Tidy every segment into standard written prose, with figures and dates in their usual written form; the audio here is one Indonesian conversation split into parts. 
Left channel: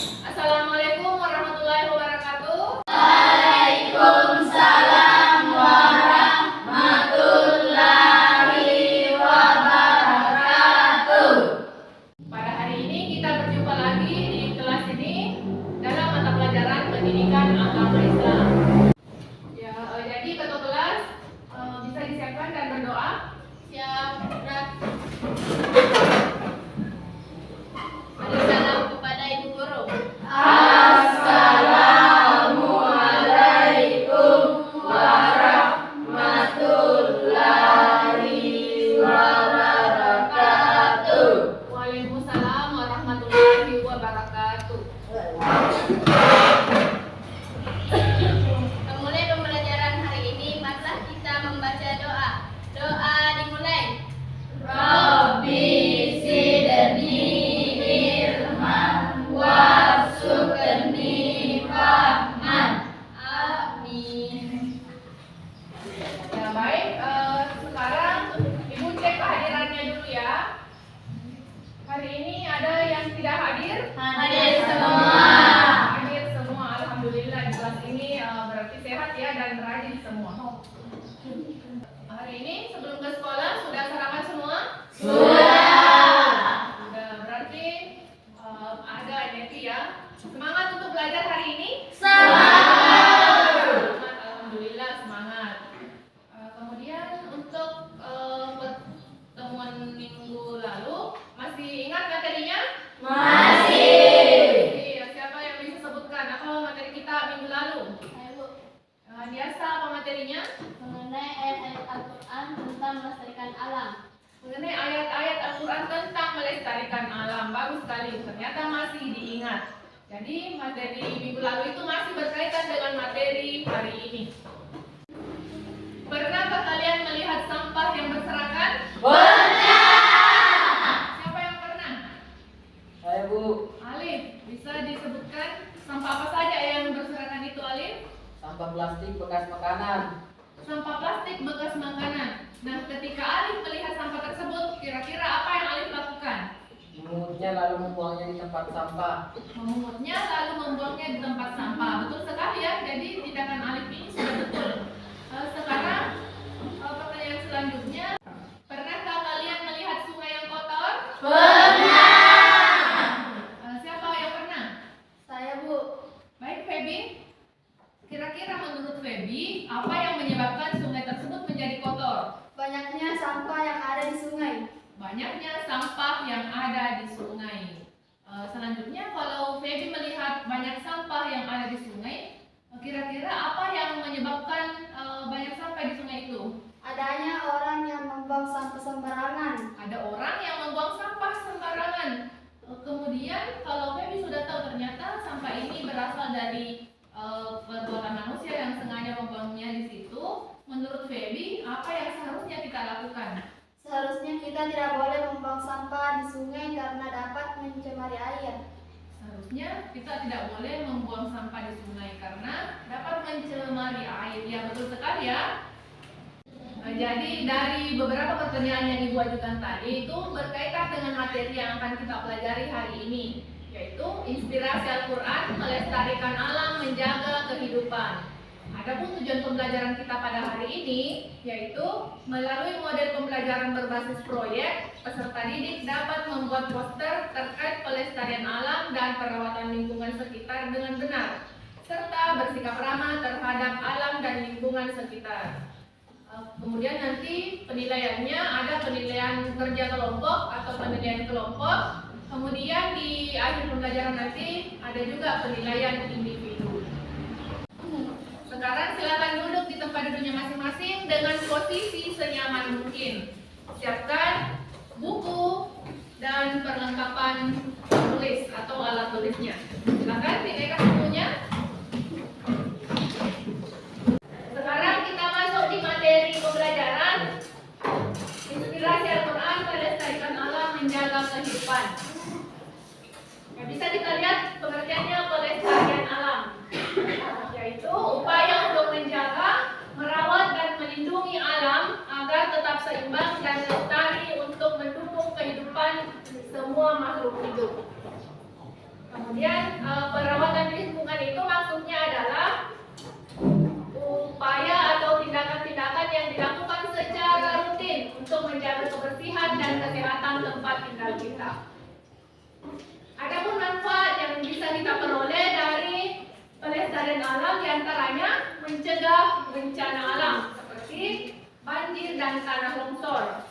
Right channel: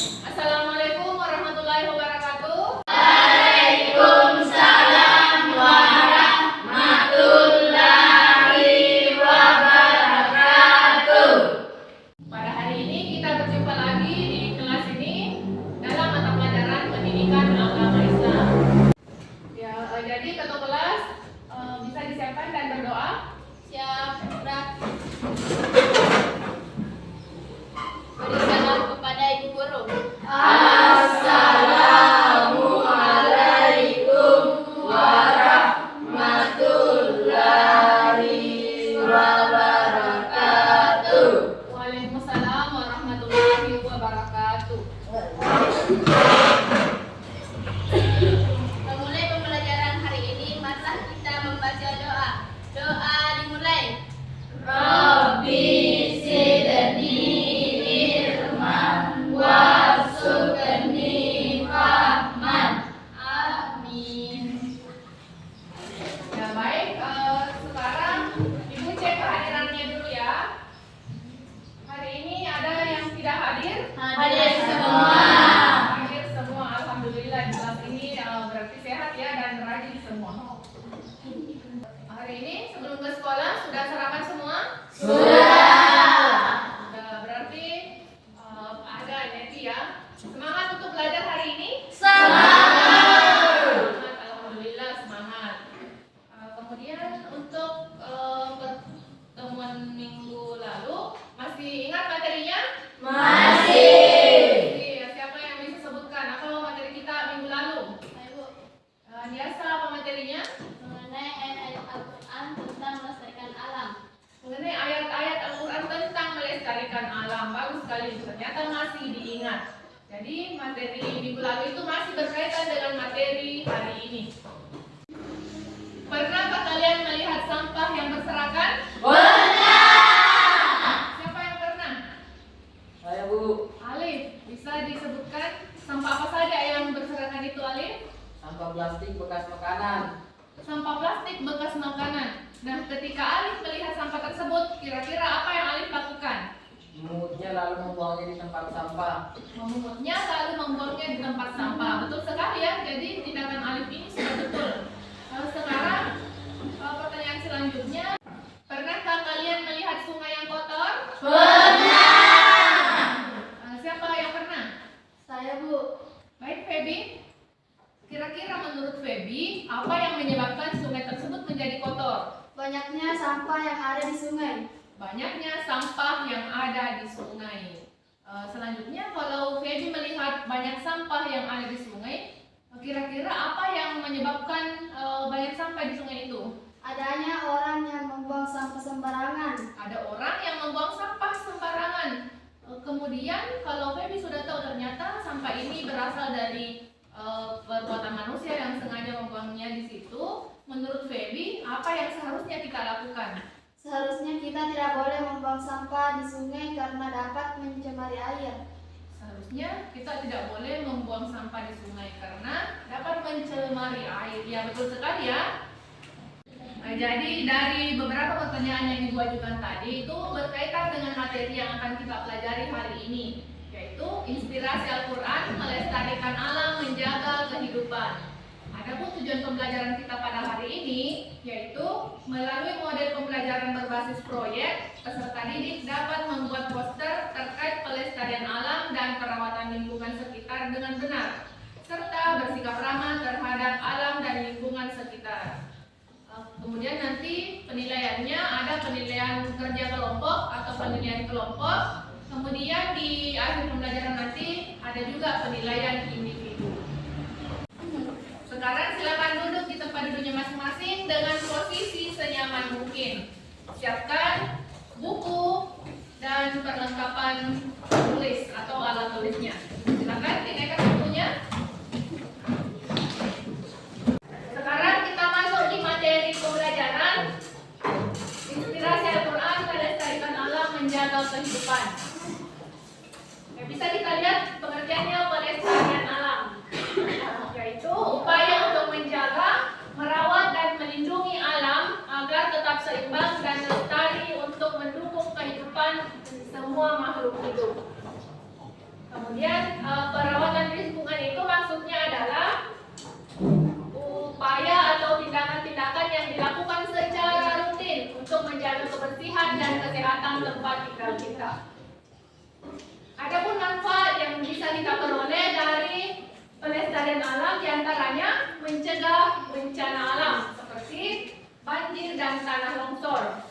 Assalamualaikum warahmatullahi wabarakatuh. Waalaikumsalam warahmatullahi wabarakatuh. Pada hari ini kita berjumpa lagi di kelas ini dalam mata pelajaran pendidikan agama Islam. Ya, jadi ketua kelas bisa disiapkan dan berdoa. Siap, Rak. Beri salam kepada Ibu Guru. Assalamualaikum warahmatullahi wabarakatuh. Waalaikumsalam warahmatullahi wabarakatuh. Memulai pembelajaran hari ini, mari kita membaca doa. Doa dimulai. Rabbi zidni ilman warzuqni fahman. Amin. Ya baik, sekarang Ibu cek kehadirannya dulu ya. Hari ini ada yang tidak hadir? Hadir semua. Hadir semua, alhamdulillah. Di kelas ini berarti sehat ya dan rajin semua. Hari ini sebelum ke sekolah sudah sarapan semua? Sudah, berarti ada energi ya. Semangat untuk belajar hari ini? Semangat, alhamdulillah semangat. Kemudian untuk pertemuan minggu lalu masih ingat materinya? Masih. Siapa yang bisa sebutkan apa materi kita minggu lalu? Biasa apa materinya? Mengenai ayat Al-Quran tentang melestarikan alam. Mengenai ayat-ayat Al-Quran tentang melestarikan alam. Bagus sekali, ternyata masih diingat. Jadi materi minggu lalu itu masih berkaitan dengan materi hari ini. Pernahkah kalian melihat sampah yang berserakan? Siapa yang pernah? Saya Bu, Alif, bisa disebutkan sampah apa saja yang berserakan itu, Alif? sampah plastik bekas makanan. Sampah plastik bekas makanan. Nah, ketika Alif melihat sampah tersebut, kira-kira apa yang Alif lakukan? Memungutnya lalu membuangnya di tempat sampah. Memungutnya lalu membuangnya di tempat sampah. Betul sekali ya. Jadi tindakan Alif ini sudah betul. Sekarang pertanyaan selanjutnya, pernahkah kalian melihat sungai yang kotor? Siapa yang pernah? Saya, Bu. Baik, Feby. Kira-kira menurut Feby, apa yang menyebabkan sungai tersebut menjadi kotor? Banyaknya sampah yang ada di sungai. Banyaknya sampah yang ada di sungai. Selanjutnya, kalau Feby melihat banyak sampah yang ada di sungai, kira-kira apa yang menyebabkan banyak sampah di sungai itu? Adanya orang yang membuang sampah sembarangan. Ada orang yang membuang sampah sembarangan. Kemudian, kalau Feby sudah tahu ternyata sampah ini berasal dari perbuatan manusia yang sengaja membuangnya di situ, menurut Feby, apa yang seharusnya kita lakukan? Seharusnya kita tidak boleh membuang sampah di sungai karena dapat mencemari air. Seharusnya kita tidak boleh membuang sampah di sungai karena dapat mencemari air. Ya, betul sekali ya. Jadi dari beberapa pertanyaan yang Ibu ajukan tadi itu berkaitan dengan materi yang akan kita pelajari hari ini, yaitu inspirasi Al-Quran melestarikan alam menjaga kehidupan. Adapun tujuan pembelajaran kita pada hari ini yaitu melalui model pembelajaran berbasis proyek, peserta didik dapat membuat poster terkait pelestarian alam dan perawatan lingkungan sekitar dengan benar, serta bersikap ramah terhadap alam dan lingkungan sekitar. Kemudian nanti penilaiannya ada penilaian kerja kelompok atau penilaian kelompok. Kemudian di akhir pembelajaran nanti ada juga penilaian individu. Sekarang silakan duduk di tempat duduknya masing-masing dengan posisi senyaman mungkin. Siapkan buku dan perlengkapan tulis atau alat tulisnya. Silakan dinaikkan bukunya. Sekarang kita masuk di materi pembelajaran inspirasi Al-Quran melestarikan alam menjaga kehidupan. Bisa kita lihat pengertiannya pelestarian alam, yaitu upaya untuk menjaga, merawat dan melindungi alam agar tetap seimbang dan lestari untuk mendukung kehidupan semua makhluk hidup. Kemudian perawatan lingkungan itu maksudnya adalah upaya atau tindakan-tindakan yang dilakukan secara rutin untuk menjaga kebersihan dan kesehatan tempat tinggal kita. Adapun manfaat yang bisa kita peroleh dari pelestarian alam diantaranya mencegah bencana alam seperti banjir dan tanah longsor.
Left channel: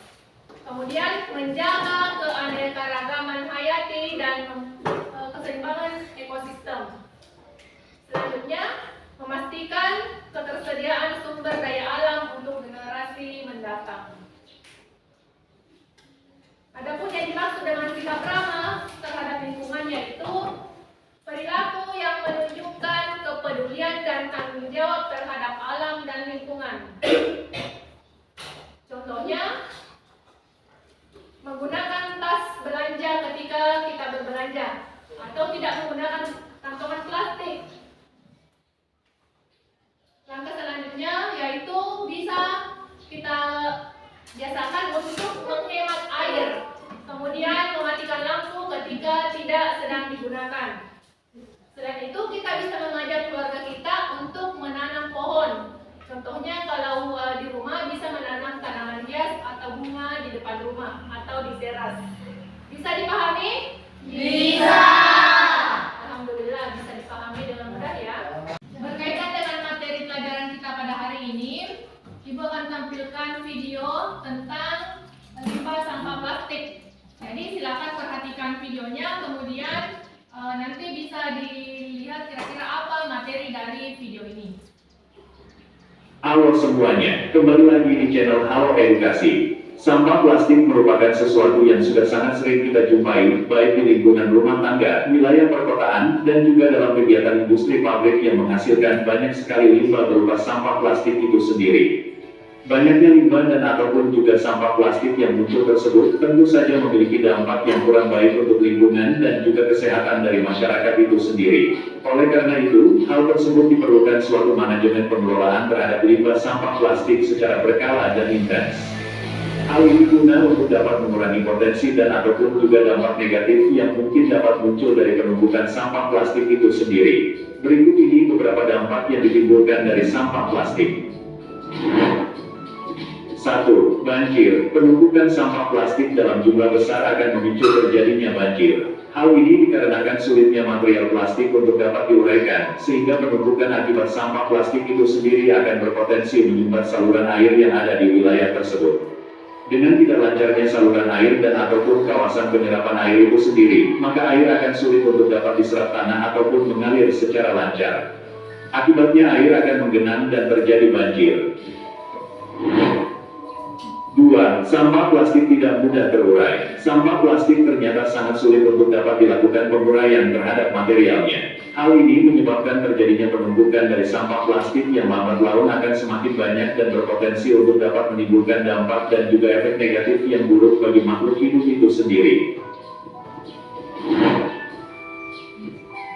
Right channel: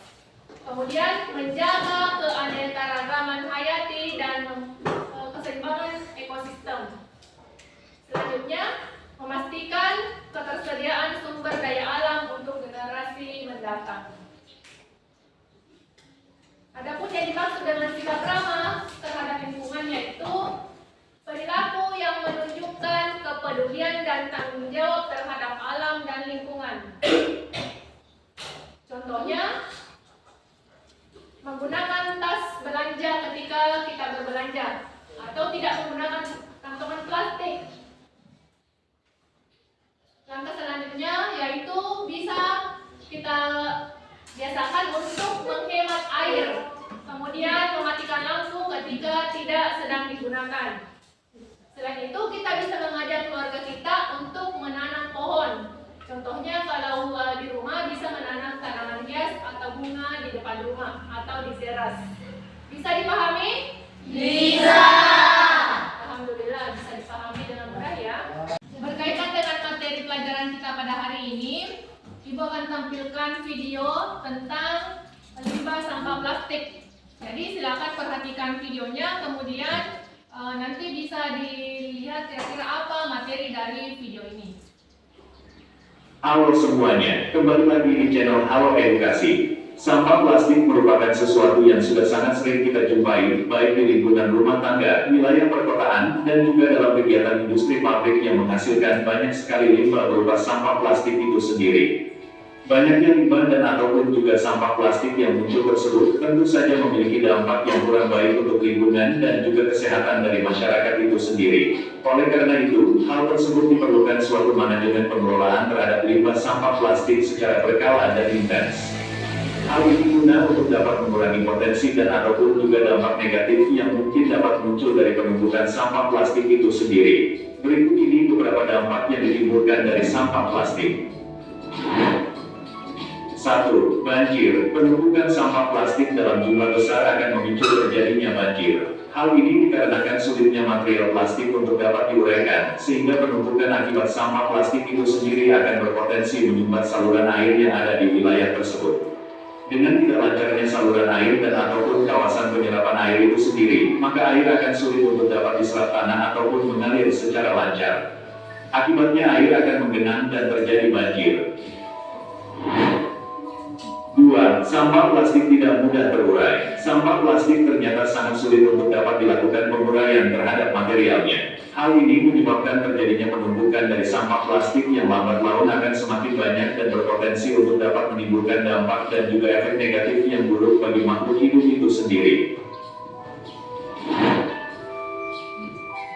Kemudian menjaga keanekaragaman hayati dan keseimbangan ekosistem. Selanjutnya, memastikan ketersediaan sumber daya alam untuk generasi mendatang. Adapun yang dimaksud dengan sikap ramah terhadap lingkungan yaitu perilaku yang menunjukkan kepedulian dan tanggung jawab terhadap alam dan lingkungan. Contohnya, menggunakan tas belanja ketika kita berbelanja atau tidak menggunakan kantongan plastik. Langkah selanjutnya yaitu bisa kita biasakan untuk menghemat air, kemudian mematikan lampu ketika tidak sedang digunakan. Selain itu, kita bisa mengajak keluarga kita untuk menanam pohon. Contohnya kalau di rumah bisa menanam tanaman hias atau bunga di depan rumah atau di teras. Bisa dipahami? Bisa. Alhamdulillah bisa dipahami dengan mudah ya. Berkaitan dengan materi pelajaran kita pada hari ini, Ibu akan tampilkan video tentang limbah sampah plastik. Jadi silakan perhatikan videonya, kemudian nanti bisa dilihat kira-kira apa materi dari video ini. Halo semuanya, kembali lagi di channel Halo Edukasi. Sampah plastik merupakan sesuatu yang sudah sangat sering kita jumpai, baik di lingkungan rumah tangga, wilayah perkotaan, dan juga dalam kegiatan industri pabrik yang menghasilkan banyak sekali limbah berupa sampah plastik itu sendiri. Banyaknya limbah dan ataupun juga sampah plastik yang muncul tersebut tentu saja memiliki dampak yang kurang baik untuk lingkungan dan juga kesehatan dari masyarakat itu sendiri. Oleh karena itu, hal tersebut diperlukan suatu manajemen pengelolaan terhadap limbah sampah plastik secara berkala dan intens. Hal ini guna untuk dapat mengurangi potensi dan ataupun juga dampak negatif yang mungkin dapat muncul dari penumpukan sampah plastik itu sendiri. Berikut ini beberapa dampak yang ditimbulkan dari sampah plastik. 1. Banjir. Penumpukan sampah plastik dalam jumlah besar akan memicu terjadinya banjir. Hal ini dikarenakan sulitnya material plastik untuk dapat diuraikan, sehingga penumpukan akibat sampah plastik itu sendiri akan berpotensi menyumbat saluran air yang ada di wilayah tersebut. Dengan tidak lancarnya saluran air dan ataupun kawasan penyerapan air itu sendiri, maka air akan sulit untuk dapat diserap tanah ataupun mengalir secara lancar. Akibatnya air akan menggenang dan terjadi banjir. 2. Sampah plastik tidak mudah terurai. Sampah plastik ternyata sangat sulit untuk dapat dilakukan penguraian terhadap materialnya. Hal ini menyebabkan terjadinya penumpukan dari sampah plastik yang lambat laun akan semakin banyak dan berpotensi untuk dapat menimbulkan dampak dan juga efek negatif yang buruk bagi makhluk hidup itu sendiri.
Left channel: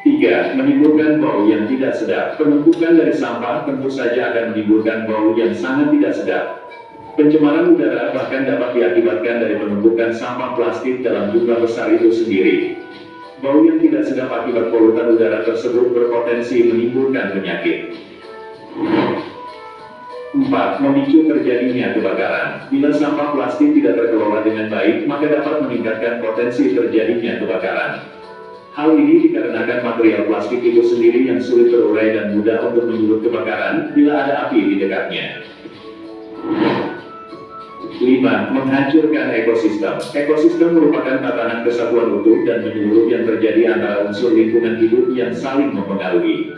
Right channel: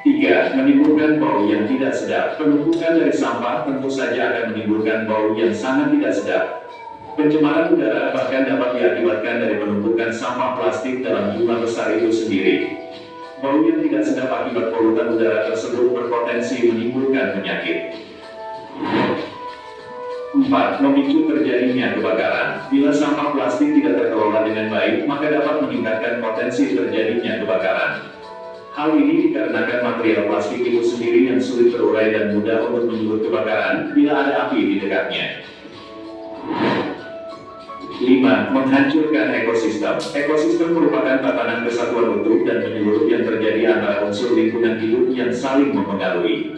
3. Menimbulkan bau yang tidak sedap. Penumpukan dari sampah tentu saja akan menimbulkan bau yang sangat tidak sedap. Pencemaran udara bahkan dapat diakibatkan dari penumpukan sampah plastik dalam jumlah besar itu sendiri. Bau yang tidak sedap akibat polutan udara tersebut berpotensi menimbulkan penyakit. 4. Memicu terjadinya kebakaran. Bila sampah plastik tidak terkelola dengan baik, maka dapat meningkatkan potensi terjadinya kebakaran. Hal ini dikarenakan material plastik itu sendiri yang sulit terurai dan mudah untuk menyulut kebakaran bila ada api di dekatnya. 5. Menghancurkan ekosistem. Ekosistem merupakan tatanan kesatuan utuh dan menyeluruh yang terjadi antara unsur lingkungan hidup yang saling mempengaruhi.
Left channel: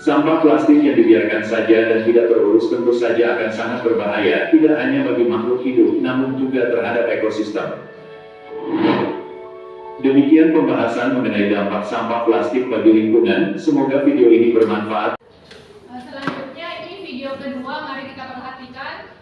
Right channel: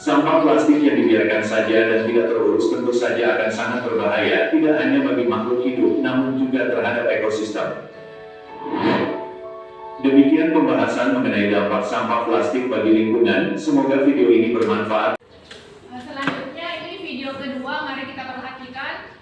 Sampah plastik yang dibiarkan saja dan tidak terurus tentu saja akan sangat berbahaya, tidak hanya bagi makhluk hidup, namun juga terhadap ekosistem. Demikian pembahasan mengenai dampak sampah plastik bagi lingkungan. Semoga video ini bermanfaat. Selanjutnya ini video kedua, mari kita perhatikan.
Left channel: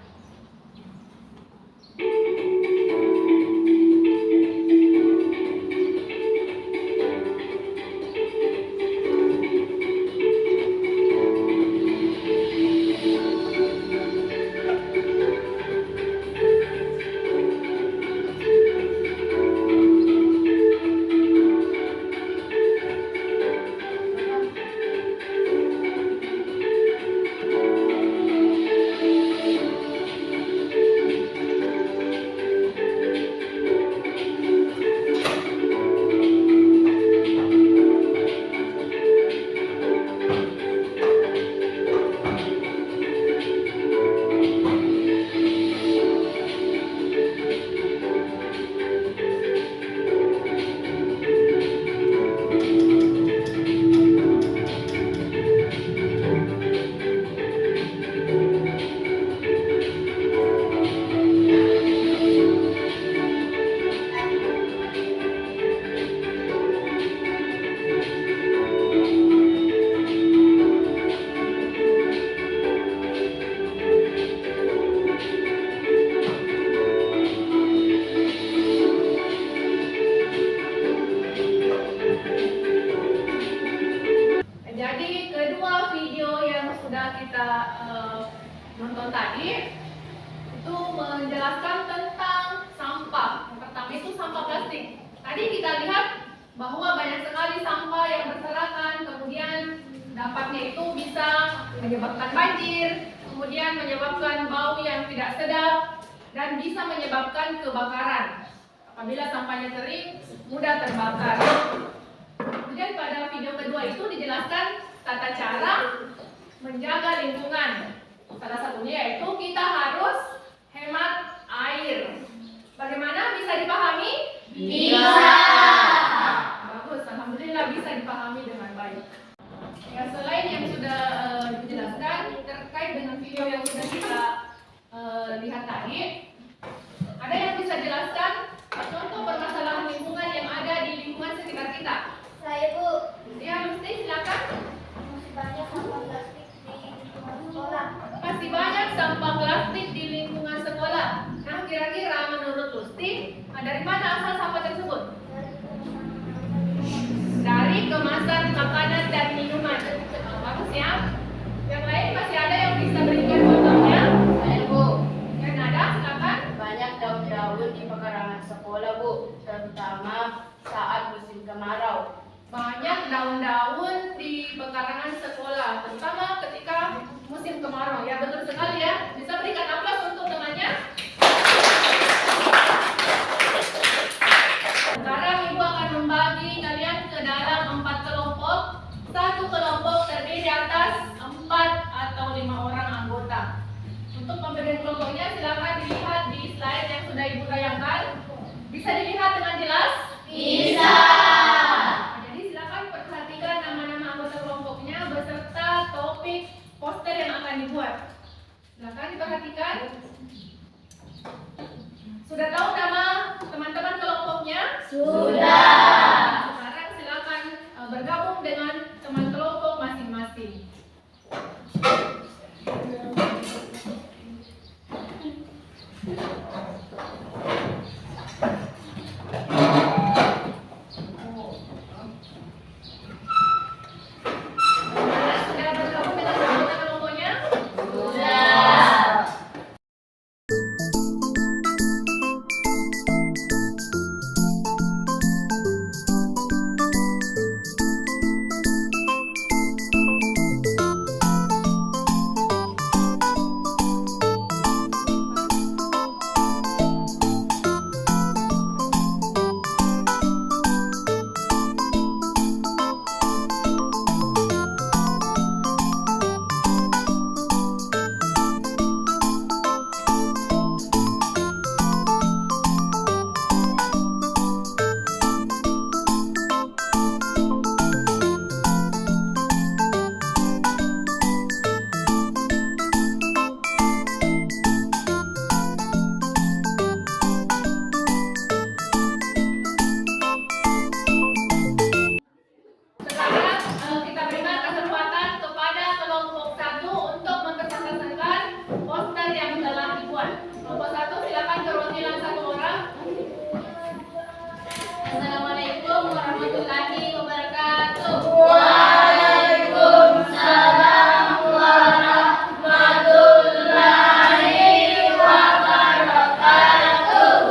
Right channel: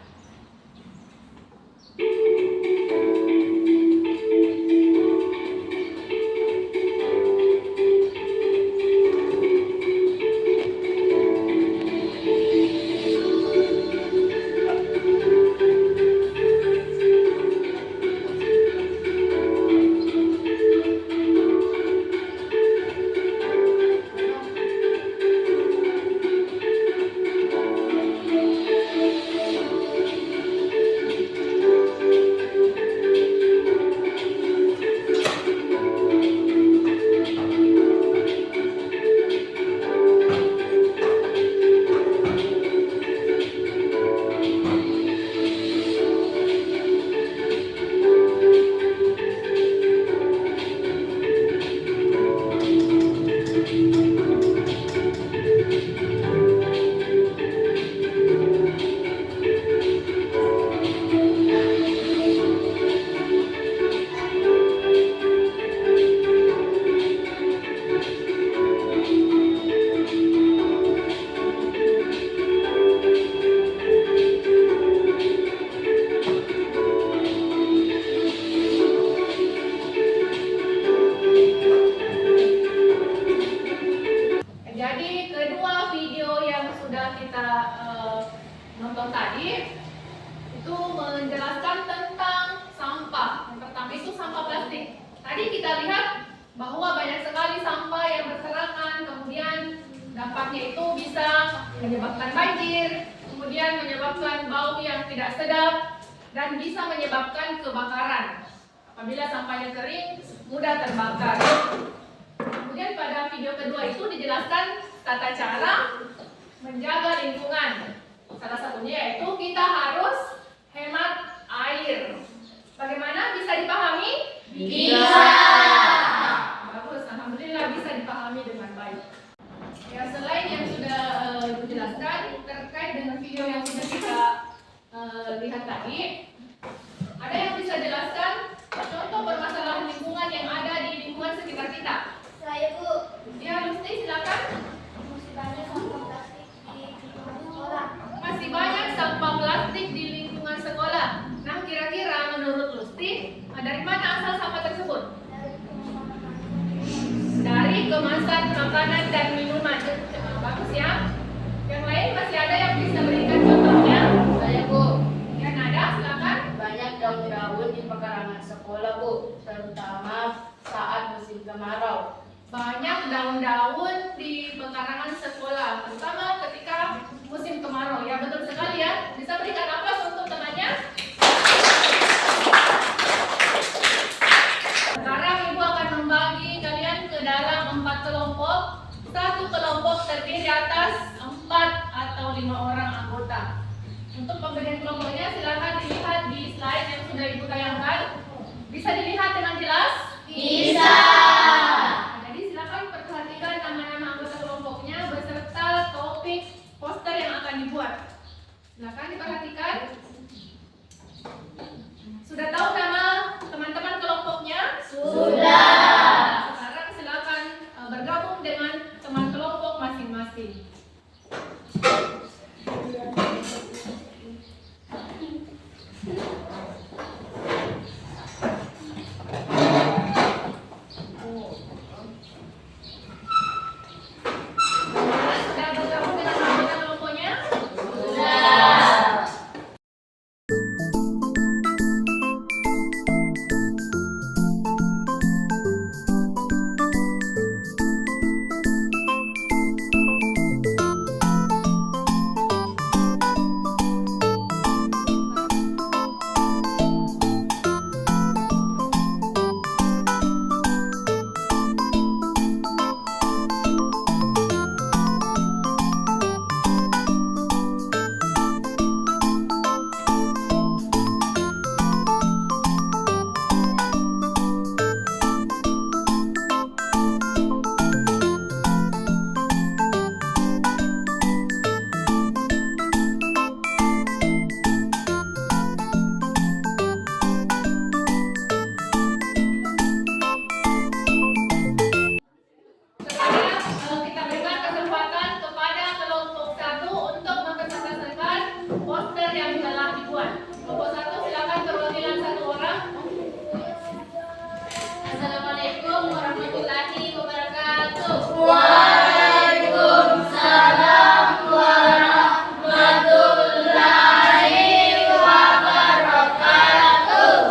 video tadi itu menjelaskan tentang sampah. Yang pertama itu sampah plastik. Tadi kita lihat bahwa banyak sekali sampah yang berserakan, kemudian dampaknya itu bisa menyebabkan banjir, kemudian menyebabkan bau yang tidak sedap, dan bisa menyebabkan kebakaran. Apabila sampahnya kering, mudah terbakar. Kemudian pada video kedua itu dijelaskan tata cara menjaga lingkungan. Salah satunya yaitu kita harus hemat air. Bagaimana, bisa dipahami? Bisa. Bagus, alhamdulillah bisa dipahami dengan baik. Ya, selain yang sudah dijelaskan terkait dengan video yang sudah kita lihat tadi, ada yang bisa jelaskan contoh permasalahan lingkungan yang ada di lingkungan sekitar kita? Saya, Bu. Ya, Lusti, silakan. Masih banyak sampah plastik di lingkungan sekolah. Masih banyak sampah plastik di lingkungan sekolah. Nah, kira-kira menurut Lusti, dari mana asal sampah tersebut? Dari kemasan makanan dan minuman. Bagus ya. Yang lain masih ada yang bisa berikan contohnya? Saya, Bu. Yang ada, silakan. Banyak daun-daun di pekarangan sekolah, Bu, terutama saat musim kemarau. Banyak daun-daun di pekarangan sekolah, terutama ketika musim kemarau. Ya, betul sekali ya. Bisa berikan aplaus untuk temannya. Sekarang Ibu akan membagi kalian ke dalam 4 kelompok. Satu kelompok terdiri atas 4 atau 5 orang anggota. Untuk pembagian kelompoknya silakan dilihat di slide yang sudah Ibu tayangkan. Bisa dilihat dengan jelas? Bisa. Jadi silakan perhatikan nama-nama anggota kelompoknya beserta topik poster yang akan dibuat. Silakan diperhatikan. Sudah tahu nama teman-teman kelompoknya? Sudah. Sekarang silakan bergabung dengan teman kelompok masing-masing. Sudah bergabung dengan anggota kelompoknya? Sudah. Sekarang kita berikan kesempatan kepada kelompok 1 untuk mempresentasikan poster yang telah dibuat. Kelompok 1 silakan perwakilan 1 orang. Assalamualaikum warahmatullahi wabarakatuh. Waalaikumsalam warahmatullahi wabarakatuh.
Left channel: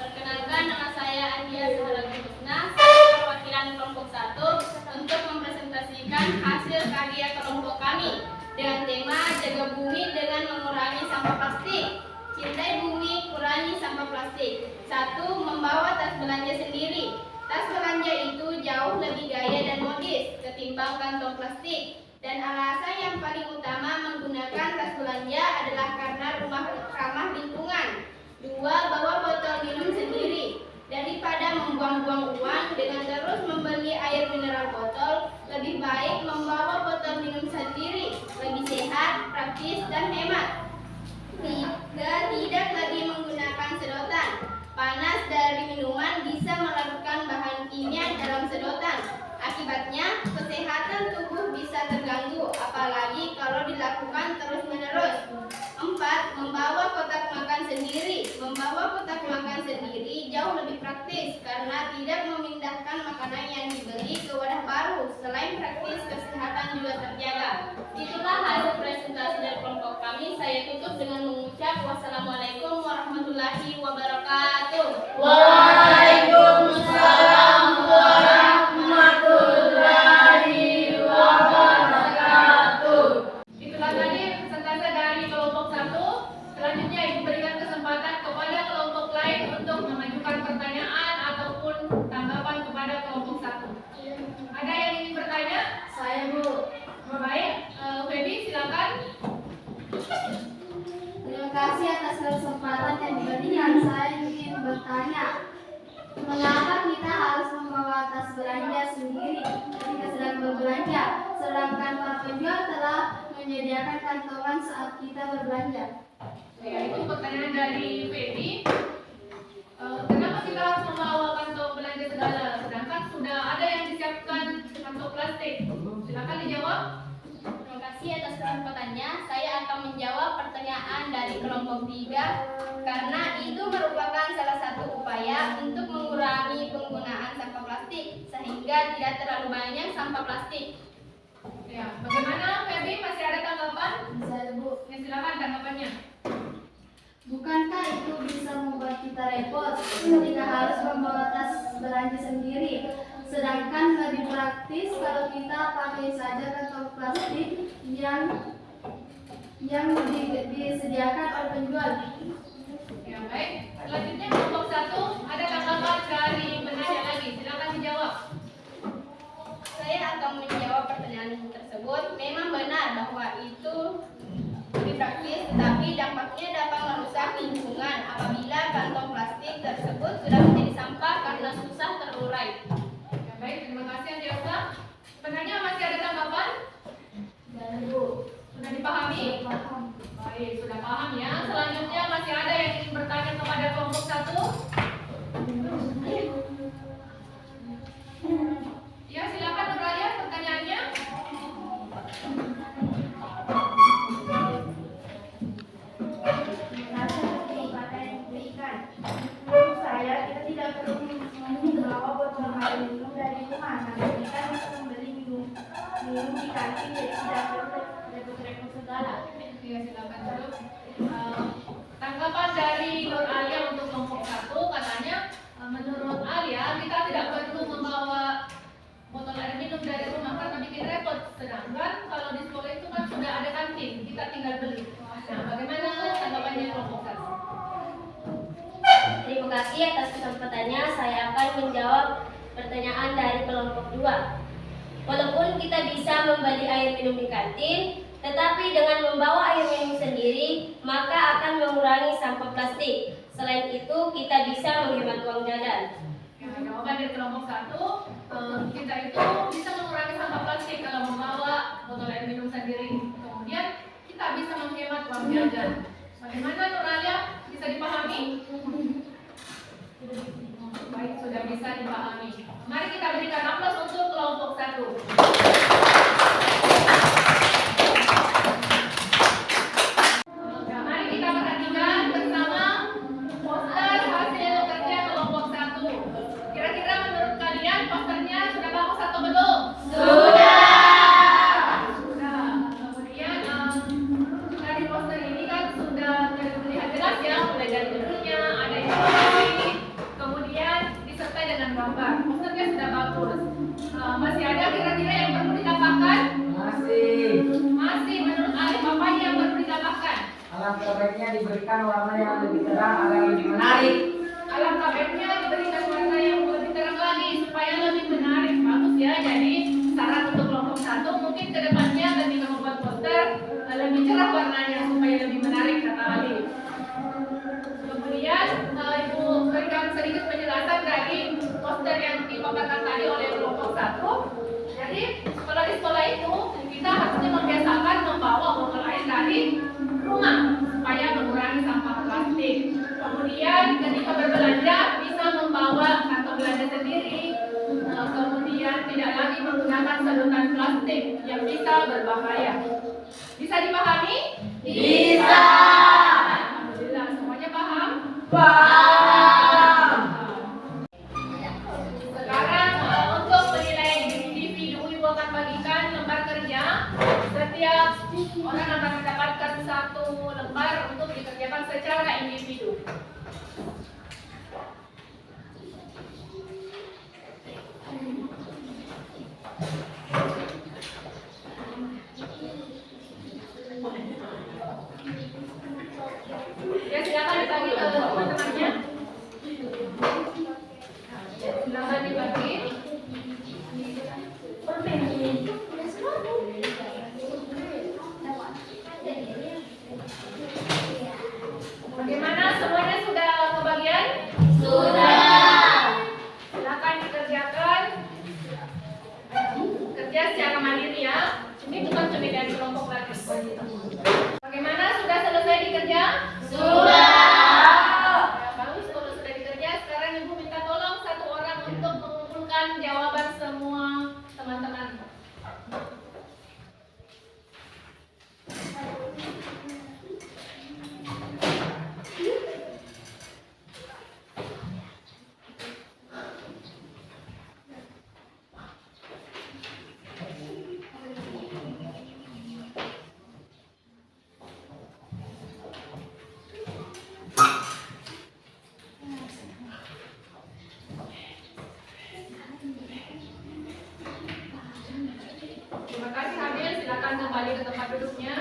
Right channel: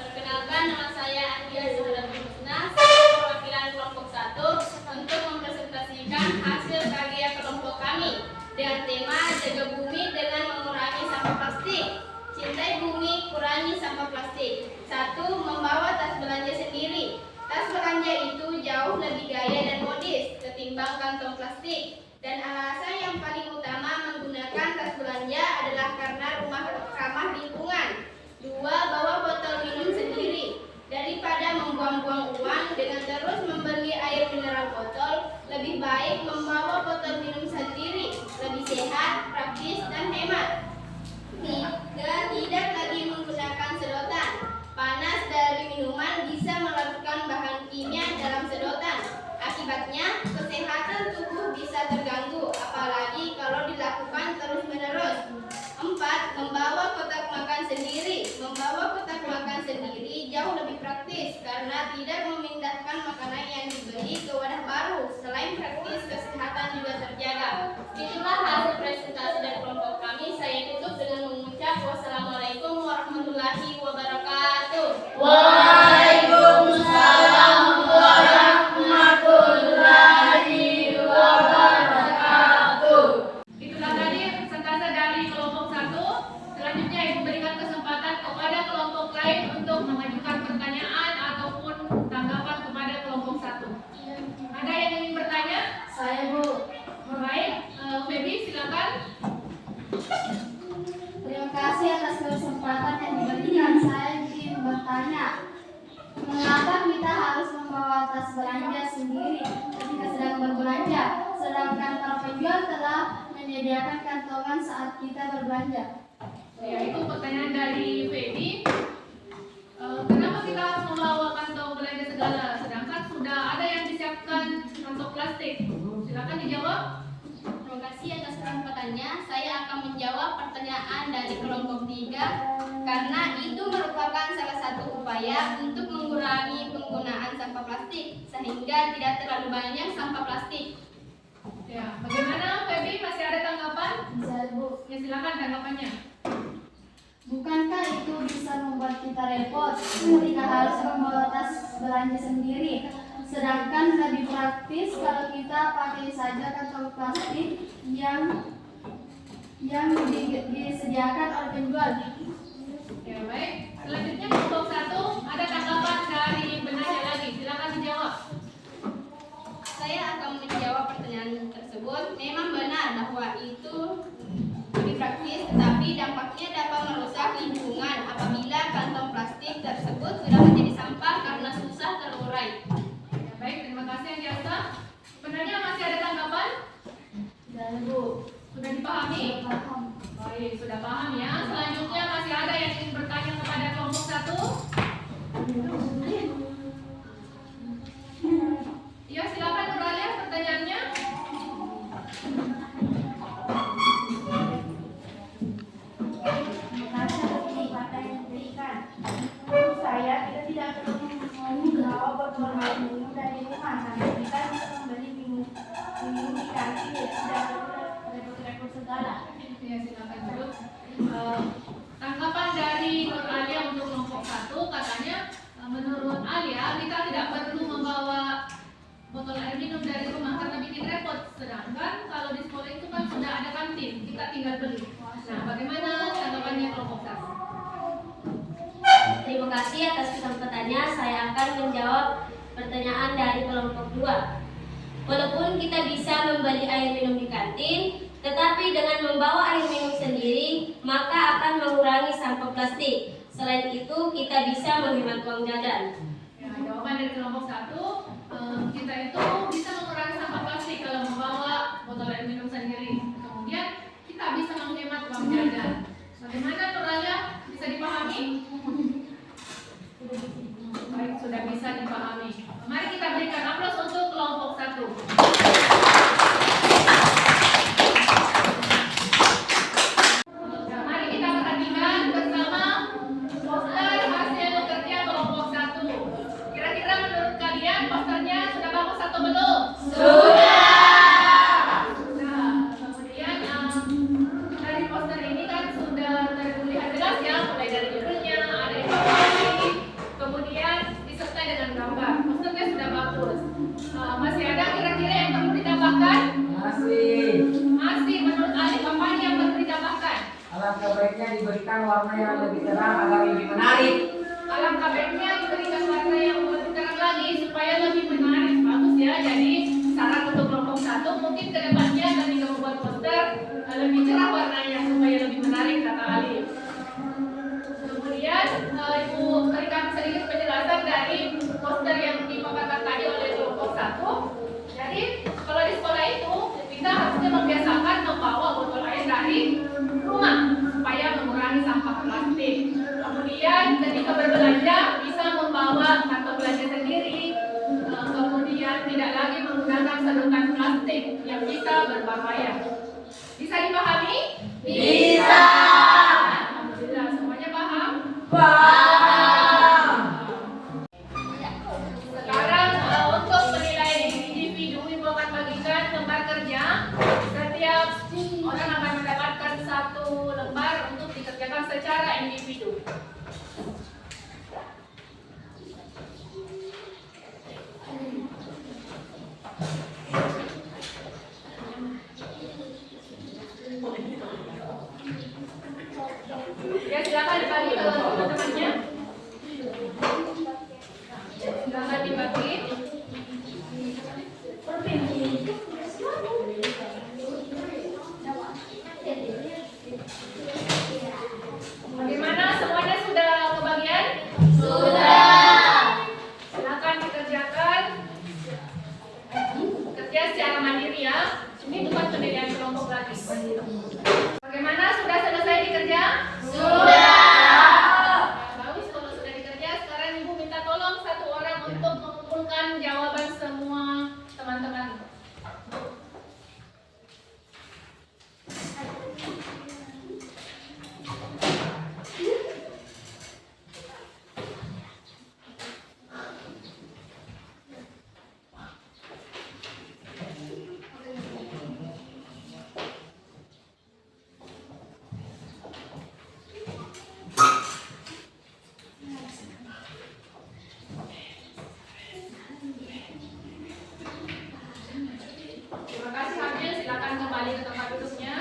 Perkenalkan, nama saya Andia Saharatul Husna, saya perwakilan kelompok 1 untuk mempresentasikan hasil karya kelompok kami dengan tema Jaga Bumi dengan Mengurangi Sampah Plastik. Cintai bumi, kurangi sampah plastik. 1. Membawa tas belanja sendiri. Tas belanja itu jauh lebih gaya dan modis ketimbang kantong plastik. Dan alasan yang paling utama menggunakan tas belanja adalah karena rumah ramah lingkungan. 2. Bawa botol minum sendiri. Daripada membuang-buang uang dengan terus membeli air mineral botol, lebih baik membawa botol minum sendiri. Lebih sehat, praktis, dan hemat. 3. Tidak lagi menggunakan sedotan. Panas dari minuman bisa melarutkan bahan kimia dalam sedotan. Akibatnya, kesehatan tubuh bisa terganggu, apalagi kalau dilakukan terus-menerus. 4. Membawa kotak makan sendiri. Membawa kotak makan sendiri jauh lebih praktis karena tidak memindahkan makanan yang dibeli ke wadah baru Selain praktis, kesehatan juga terjaga. Itulah hasil presentasi dari kelompok kami. Saya tutup dengan mengucap wassalamualaikum warahmatullahi wabarakatuh. Waalaikumsalam warahmatullahi wabarakatuh. Itulah tadi presentase dari kelompok 1. Selanjutnya Ibu berikan kesempatan kepada kelompok lain untuk mengajukan pertanyaan ataupun tanggapan kepada kelompok 1. Ada yang ingin bertanya? Saya, Bu. Baik, Feby silakan. Terima kasih atas kesempatan yang diberikan. Saya ingin bertanya, mengapa kita harus membawa tas belanja sendiri ketika sedang berbelanja, sedangkan para penjual telah menyediakan kantongan saat kita berbelanja? Ya, itu pertanyaan dari Feby. Kenapa kita harus membawa kantong belanja segala, sedangkan sudah ada yang disiapkan kantong plastik? Silakan dijawab. Terima kasih atas kesempatannya. Saya akan menjawab pertanyaan dari kelompok 3 karena itu merupakan salah satu upaya untuk mengurangi penggunaan sampah plastik sehingga tidak terlalu banyak sampah plastik. Ya, bagaimana Feby? Masih ada tanggapan? Saya, Bu. Ya, silakan tanggapannya. Bukankah itu bisa membuat kita repot ketika harus membawa tas belanja sendiri? Sedangkan lebih praktis kalau kita pakai saja kantong plastik yang disediakan oleh penjual. Ya, baik. Selanjutnya kelompok 1, ada tanggapan dari penanya lagi. Silakan dijawab. Saya akan menjawab pertanyaan tersebut. Memang benar bahwa itu lebih praktis, tetapi dampaknya dapat merusak lingkungan apabila kantong plastik tersebut sudah menjadi sampah karena susah terurai. Ya, baik, terima kasih Anjasa. Penanya masih ada tanggapan? Dan, Bu. Sudah dipahami? Baik, sudah paham ya. Selanjutnya masih ada yang ingin bertanya kepada kelompok 1? Ya, silakan Nuraya pertanyaannya. Saya kita tidak perlu membawa botol air minum dari rumah karena kita bisa membeli minum di kantin, jadi tidak perlu repot-repot segala. Ya, silakan dulu. Tanggapan dari Nur Alia untuk kelompok 1 katanya menurut Alia kita tidak perlu membawa botol air minum dari rumah karena bikin repot. Sedangkan kalau di sekolah itu kan sudah ada kantin, kita tinggal beli. Nah, bagaimana tanggapannya kelompok 1? Terima kasih atas kesempatannya. Saya akan menjawab pertanyaan dari kelompok 2. Walaupun kita bisa membeli air minum di kantin, tetapi dengan membawa air minum sendiri, maka akan mengurangi sampah plastik. Selain itu, kita bisa menghemat uang jajan. Ya, jawaban dari kelompok 1, kita itu bisa mengurangi sampah plastik kalau membawa botol air minum sendiri. Kemudian kita bisa menghemat uang jajan. Bagaimana Nur Alia? Bisa dipahami? Baik, sudah bisa dipahami. Mari kita berikan aplaus untuk kelompok 1. Nah, mari kita perhatikan bersama poster hasil kerja kelompok 1. Kira-kira menurut kalian posternya sudah bagus atau belum? Sudah. Kemudian dari poster ini kan sudah terlihat jelas ya, mulai dari judulnya, ada informasi, kemudian disertai dengan gambar. Posternya sudah bagus. Masih ada kira-kira yang perlu ditambahkan? Masih. Menurut Alif, apa yang perlu ditambahkan? Alangkah baiknya diberikan warna yang lebih terang agar lebih menarik. Alangkah baiknya diberikan warna yang lebih terang lagi supaya lebih menarik. Bagus ya. Jadi saran untuk kelompok 1 mungkin kedepannya ketika membuat poster lebih cerah warnanya supaya lebih menarik kata Alif. Kemudian Ibu berikan sedikit penjelasan dari poster yang dipaparkan tadi oleh kelompok 1. Jadi kalau di sekolah itu kita harusnya membiasakan membawa botol air dari rumah supaya mengurangi sampah plastik. Kemudian ketika berbelanja bisa membawa kantong belanja sendiri. Kemudian tidak lagi menggunakan sedotan plastik yang bisa berbahaya. Bisa dipahami? Bisa. Alhamdulillah, semuanya paham? Paham. Sekarang untuk menilai diri individu, Ibu akan secara individu. Ya, silakan dibagi ke teman-temannya. Silakan dibagi. Bagaimana, semuanya sudah kebagian? Silakan dikerjakan. Kerja secara mandiri ya. Ini bukan penilaian kelompok lagi. Bagaimana, sudah selesai dikerja? Bagus kalau sudah dikerja. Sekarang Ibu minta tolong satu orang untuk mengumpulkan jawaban semua teman-teman. Terima kasih Hamil, silakan kembali ke tempat duduknya.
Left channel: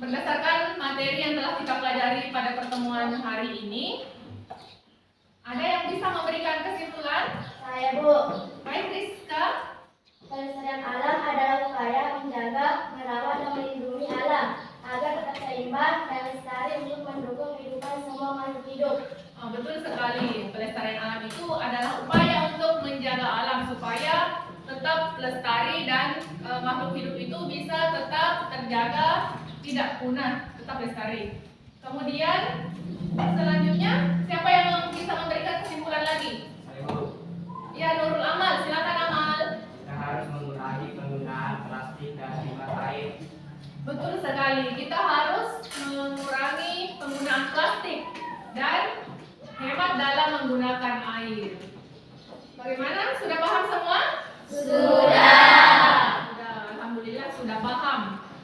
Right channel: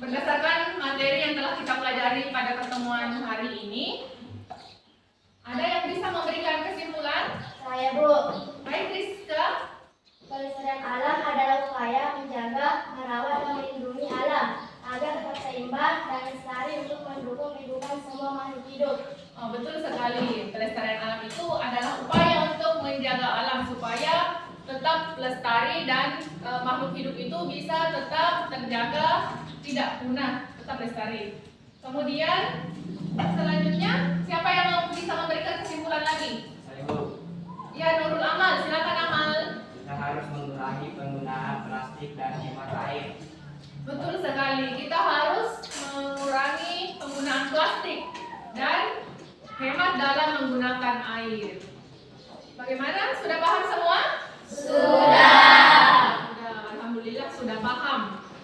Berdasarkan materi yang telah kita pelajari pada pertemuan hari ini, ada yang bisa memberikan kesimpulan? Saya, Bu. Baik, Rizka. Pelestarian alam adalah upaya menjaga, merawat, dan melindungi alam agar tetap seimbang dan lestari untuk mendukung kehidupan semua makhluk hidup. Oh, betul sekali. Pelestarian alam itu adalah upaya untuk menjaga alam supaya tetap lestari dan makhluk hidup itu bisa tetap terjaga, tidak punah, tetap lestari. Kemudian selanjutnya siapa yang bisa memberikan kesimpulan lagi? Saya, Bu. Ya, Nurul Amal, silakan Amal. Kita harus mengurangi penggunaan plastik dan hemat air. Betul sekali. Kita harus mengurangi penggunaan plastik dan hemat dalam menggunakan air. Bagaimana? Sudah paham semua? Sudah, alhamdulillah sudah paham.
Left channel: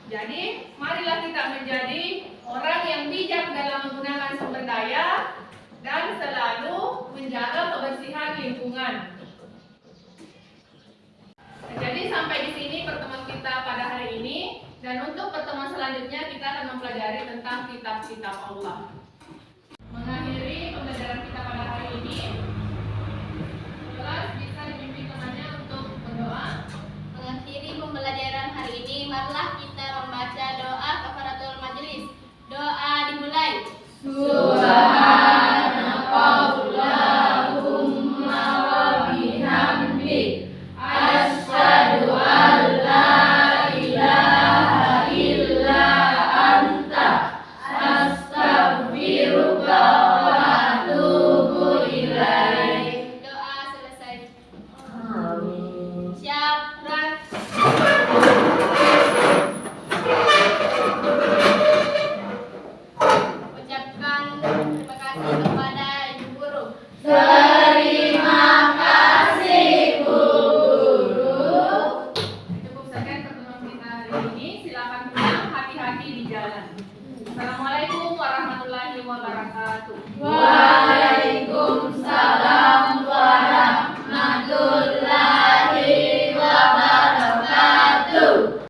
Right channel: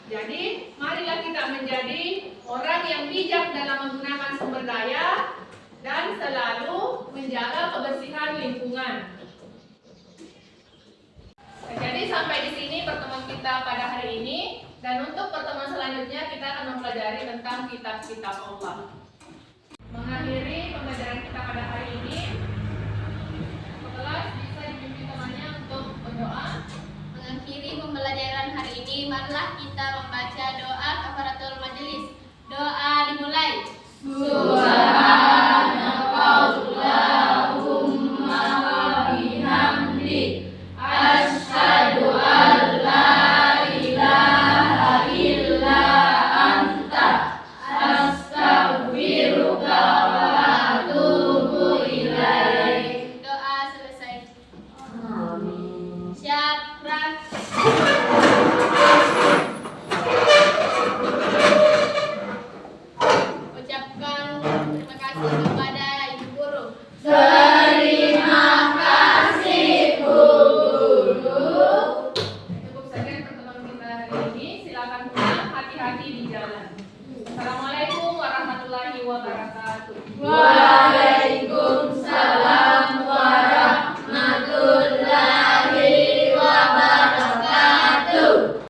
Jadi, marilah kita menjadi orang yang bijak dalam menggunakan sumber daya dan selalu menjaga kebersihan lingkungan. Jadi sampai di sini pertemuan kita pada hari ini, dan untuk pertemuan selanjutnya kita akan mempelajari tentang kitab-kitab Allah.